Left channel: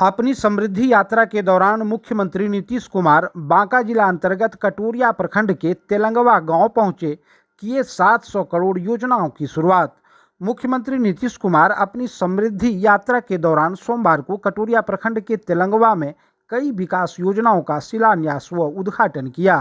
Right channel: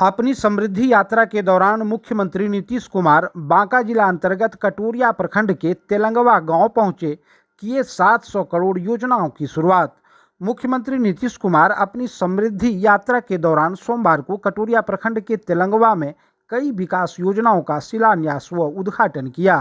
अपनी समृद्धि यात्रा के दौरान मुख्यमंत्री नीतीश कुमार बांका जिला अंतर्गत कटोरिया प्रखंड के तेलंगवा गांव पहुंचे, किए 700 करोड़ योजनाओं की शुरुआत। मुख्यमंत्री नीतीश कुमार अपनी समृद्धि यात्रा के दौरान सोमवार को कटोरिया प्रखंड के तेलंगवा में कई विकास योजनाओं का शिलान्यास व उद्घाटन किया।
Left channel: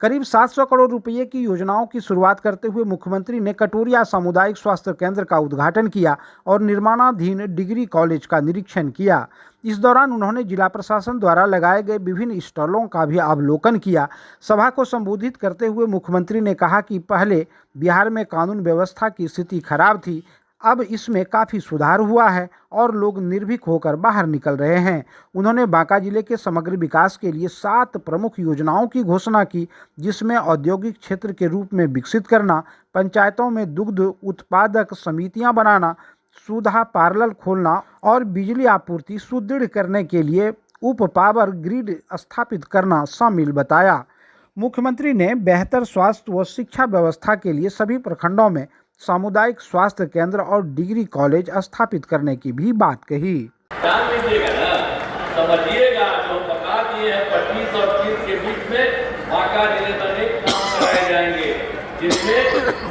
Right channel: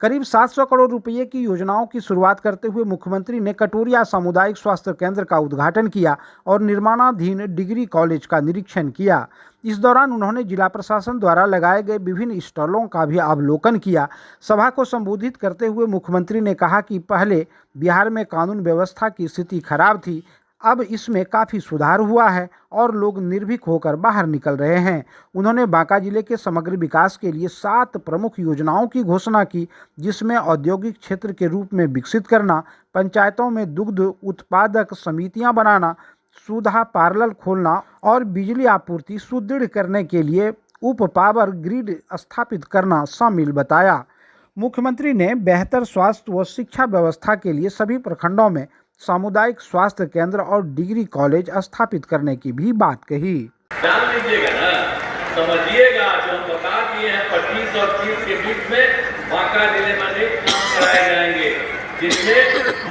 करीब 700 करोड़ रुपए की योजनाओं की शुरुआत करते हुए मुख्यमंत्री ने कटोरिया सामुदायिक स्वास्थ्य केंद्र का उद्घाटन किया और निर्माणाधीन डिग्री कॉलेज का निरीक्षण किया। इस दौरान उन्होंने जिला प्रशासन द्वारा लगाए गए विभिन्न स्टॉलों का भी अवलोकन किया। सभा को संबोधित करते हुए मुख्यमंत्री ने कहा कि पहले बिहार में कानून व्यवस्था की स्थिति खराब थी, अब इसमें काफ़ी सुधार हुआ है और लोग निर्भीक होकर बाहर निकल रहे हैं। उन्होंने बांका जिले के समग्र विकास के लिए 7 प्रमुख योजनाओं की घोषणा की, जिसमें औद्योगिक क्षेत्र के रूप में विकसित करना, पंचायतों में दुग्ध उत्पादक समितियां बनाना, सुधा पार्लर खोलना और बिजली आपूर्ति सुदृढ़ करने के लिए उप पावर ग्रिड स्थापित करना शामिल बताया। मुख्यमंत्री ने बेहतर स्वास्थ्य व शिक्षा व्यवस्था के लिए सभी प्रखंडों में सामुदायिक स्वास्थ्य केंद्र और डिग्री कॉलेज स्थापित करने की भी बात कही। ध्यान दीजिएगा ना, समझिएगा, जो बता दिए हैं 25 और 30 के बीच में बांका जिले में अनेक काम कराए जाएंगे, जिसमें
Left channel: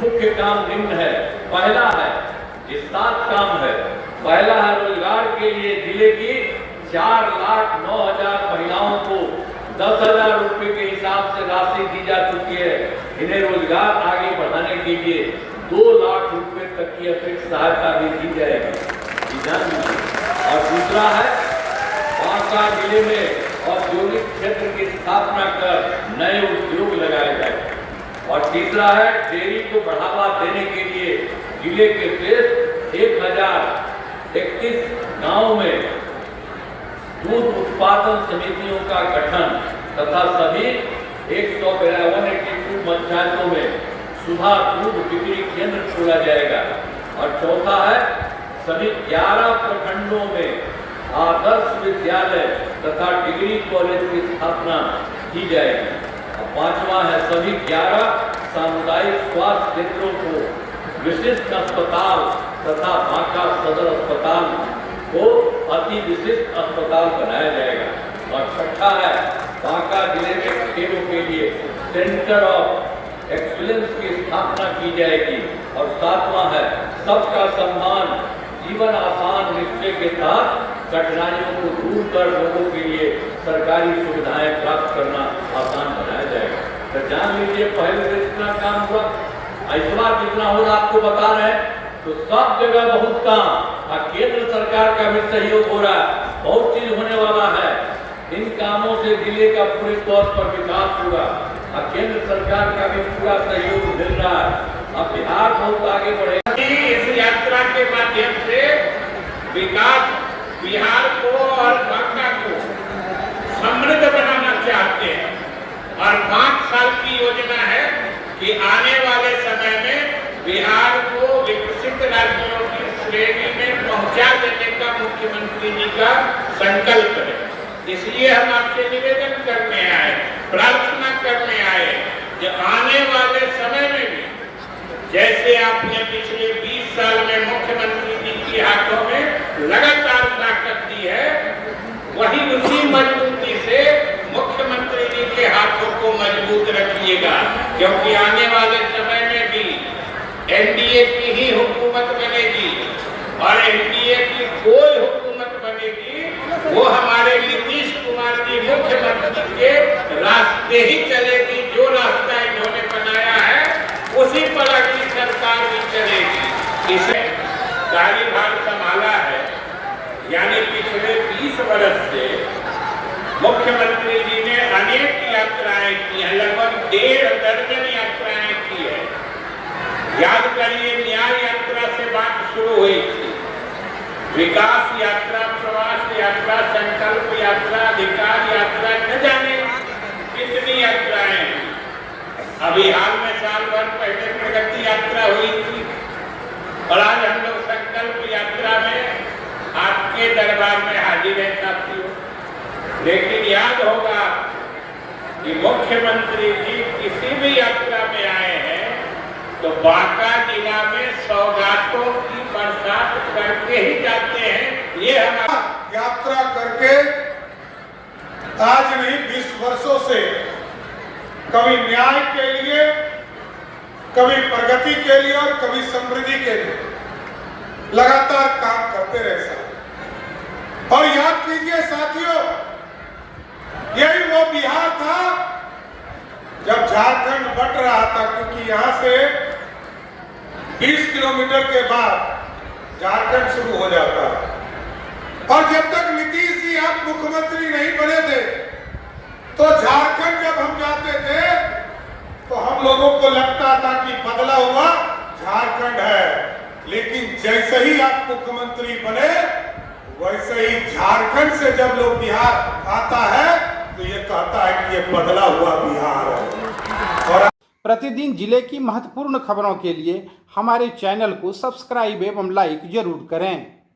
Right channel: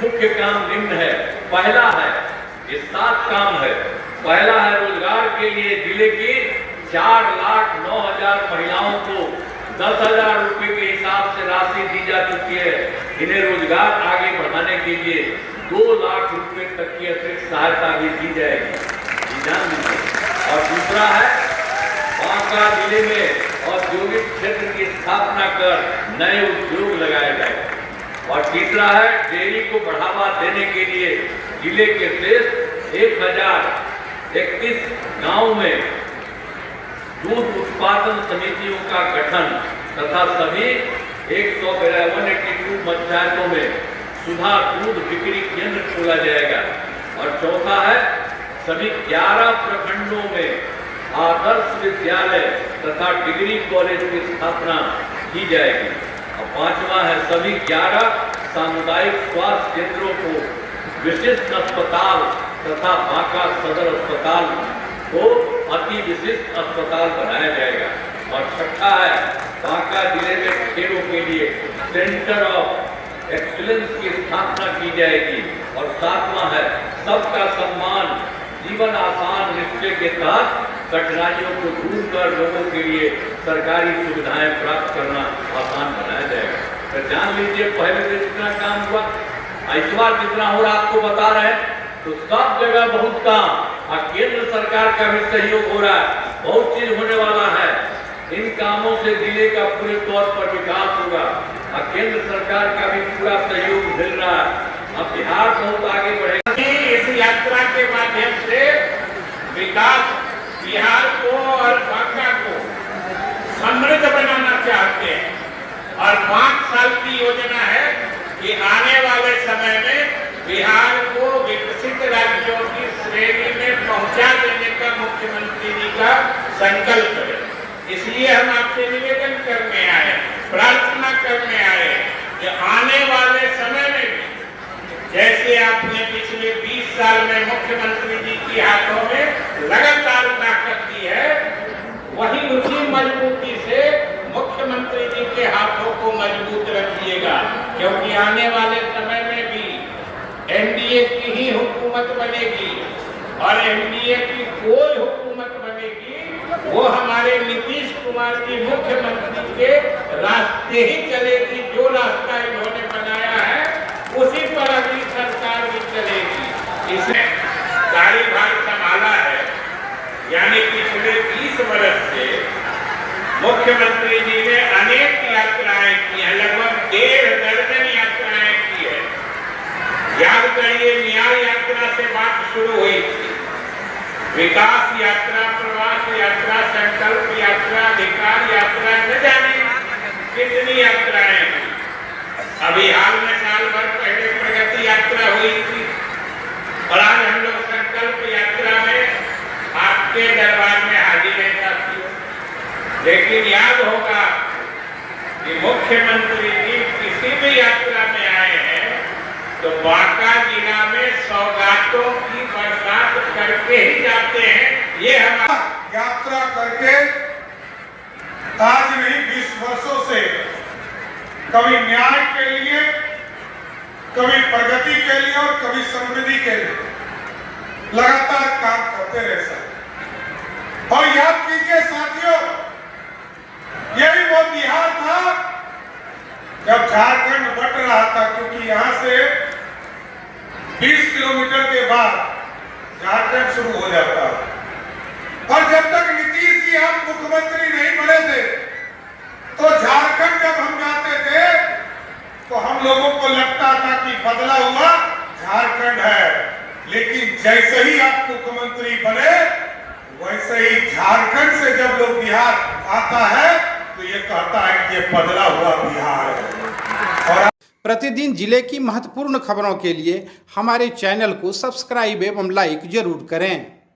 मुख्य काम निम्न है। पहला है, ये 7 काम है। पहला है रोजगार के लिए जिले की 4,09,000 महिलाओं को 10,000 रुपए के हिसाब से राशि दी जा चुकी है। इन्हें रोजगार आगे बढ़ाने के लिए 2 लाख रुपए तक की अतिरिक्त सहायता भी दी जाएगी। और दूसरा है, बांका जिले में औद्योगिक क्षेत्र की स्थापना कर नए उद्योग लगाए जाए। और तीसरा है, डेयरी को बढ़ावा देने के लिए जिले के शेष 1031 गांव में दूध उत्पादन समितियों का गठन तथा सभी 152 पंचायतों में सुधा दूध बिक्री केंद्र खोला जाएगा। और चौथा है, सभी 11 प्रखंडों में आदर्श विद्यालय तथा डिग्री कॉलेज की स्थापना की जाएगी। और पांचवा है, सभी 11 सामुदायिक स्वास्थ्य केंद्रों को विशिष्ट अस्पताल तथा बांका सदर अस्पताल को अति विशिष्ट अस्पताल बनाया जाएगा। और छठा है, बांका जिले में खेलों के लिए सेंटर ऑफ एक्सीलेंस की स्थापना की जाएगी। और 7वां है, सबका सम्मान जीवन आसान निश्चय के तहत कठिनाइयों को दूर कर लोगों के लिए सरकारी सुविधाएं प्राप्त करना आसान बनाया जाएगा। तो जान लीजिए, पहले से इतना काम हुआ, इस बार जितना हो रहा आपको बता रहे हैं, तो सब जगह बहुत काम। और केंद्र सरकार का भी सहयोग हो रहा है, बहुत चीज होने वाला है। इन कामों से जिले का पूरे तौर पर विकास होगा और केंद्र सरकार का भी पूरा सहयोग मिल रहा है। अब बिहार बहुत आगे बढ़ेगा। इस यात्रा के माध्यम से विकास बिहार को और बांका को समृद्ध बनाना चाहते हैं। और 5 साल की योजना है कि आने वाले समय में बिहार को विकसित राज्यों की श्रेणी में पहुंचा देने का मुख्यमंत्री जी का संकल्प है। इसलिए हम आपसे निवेदन करने आए, प्रार्थना करने आए कि आने वाले समय में भी जैसे आपने पिछले 20 साल में मुख्यमंत्री जी के हाथों में लगातार ताकत दी है, वही उसी मजबूती से मुख्यमंत्री जी के हाथों को मजबूत रखिएगा। क्योंकि आने वाले समय में भी एनडीए की ही हुकूमत बनेगी और एनडीए की कोई हुकूमत बनेगी वो हमारे नीतीश कुमार जी मुख्यमंत्री के रास्ते ही चलेगी। जो रास्ता इन्होंने बनाया है उसी पर अगली सरकार भी चलेगी। इसे कार्यभार संभाला है, यानी पिछले 20 वर्ष से मुख्यमंत्री जी ने अनेक यात्राएं की हैं, लगभग 1.5 दर्जन यात्राएं की है। याद करिए, न्याय यात्रा से बात शुरू हुई थी, विकास यात्रा, प्रवास यात्रा, संकल्प यात्रा, अधिकार यात्रा, न जाने कितनी यात्राएं। अभी हाल में साल भर पहले प्रगति यात्रा हुई थी और आज हम लोग संकल्प यात्रा में आपके दरबार में हाजिर है साथियों। लेकिन याद होगा कि मुख्यमंत्री जी किसी भी यात्रा में आए हैं तो बांका जिला में सौगातों की बरसात करके ही जाते हैं। ये हमारा यात्रा करके आज नहीं 20 वर्षों से कभी न्याय के लिए, कभी प्रगति के लिए और कभी समृद्धि के लिए लगातार काम करते रहे साथ। और याद कीजिए साथियों, यही वो बिहार था जब झारखंड बट रहा था, क्योंकि यहां से 20 किलोमीटर के बाद झारखंड शुरू हो जाता। और जब तक नीतीश जी आप मुख्यमंत्री नहीं बने थे तो झारखंड जब हम जाते थे तो हम लोगों को लगता था कि बदला हुआ झारखंड है, लेकिन जैसे ही आप मुख्यमंत्री बने वैसे ही झारखंड से जब लोग बिहार आता है तो ये कहता है कि ये बदला हुआ बिहार है। और प्रतिदिन जिले की महत्वपूर्ण खबरों के लिए हमारे चैनल को सब्सक्राइब एवं लाइक जरूर करें।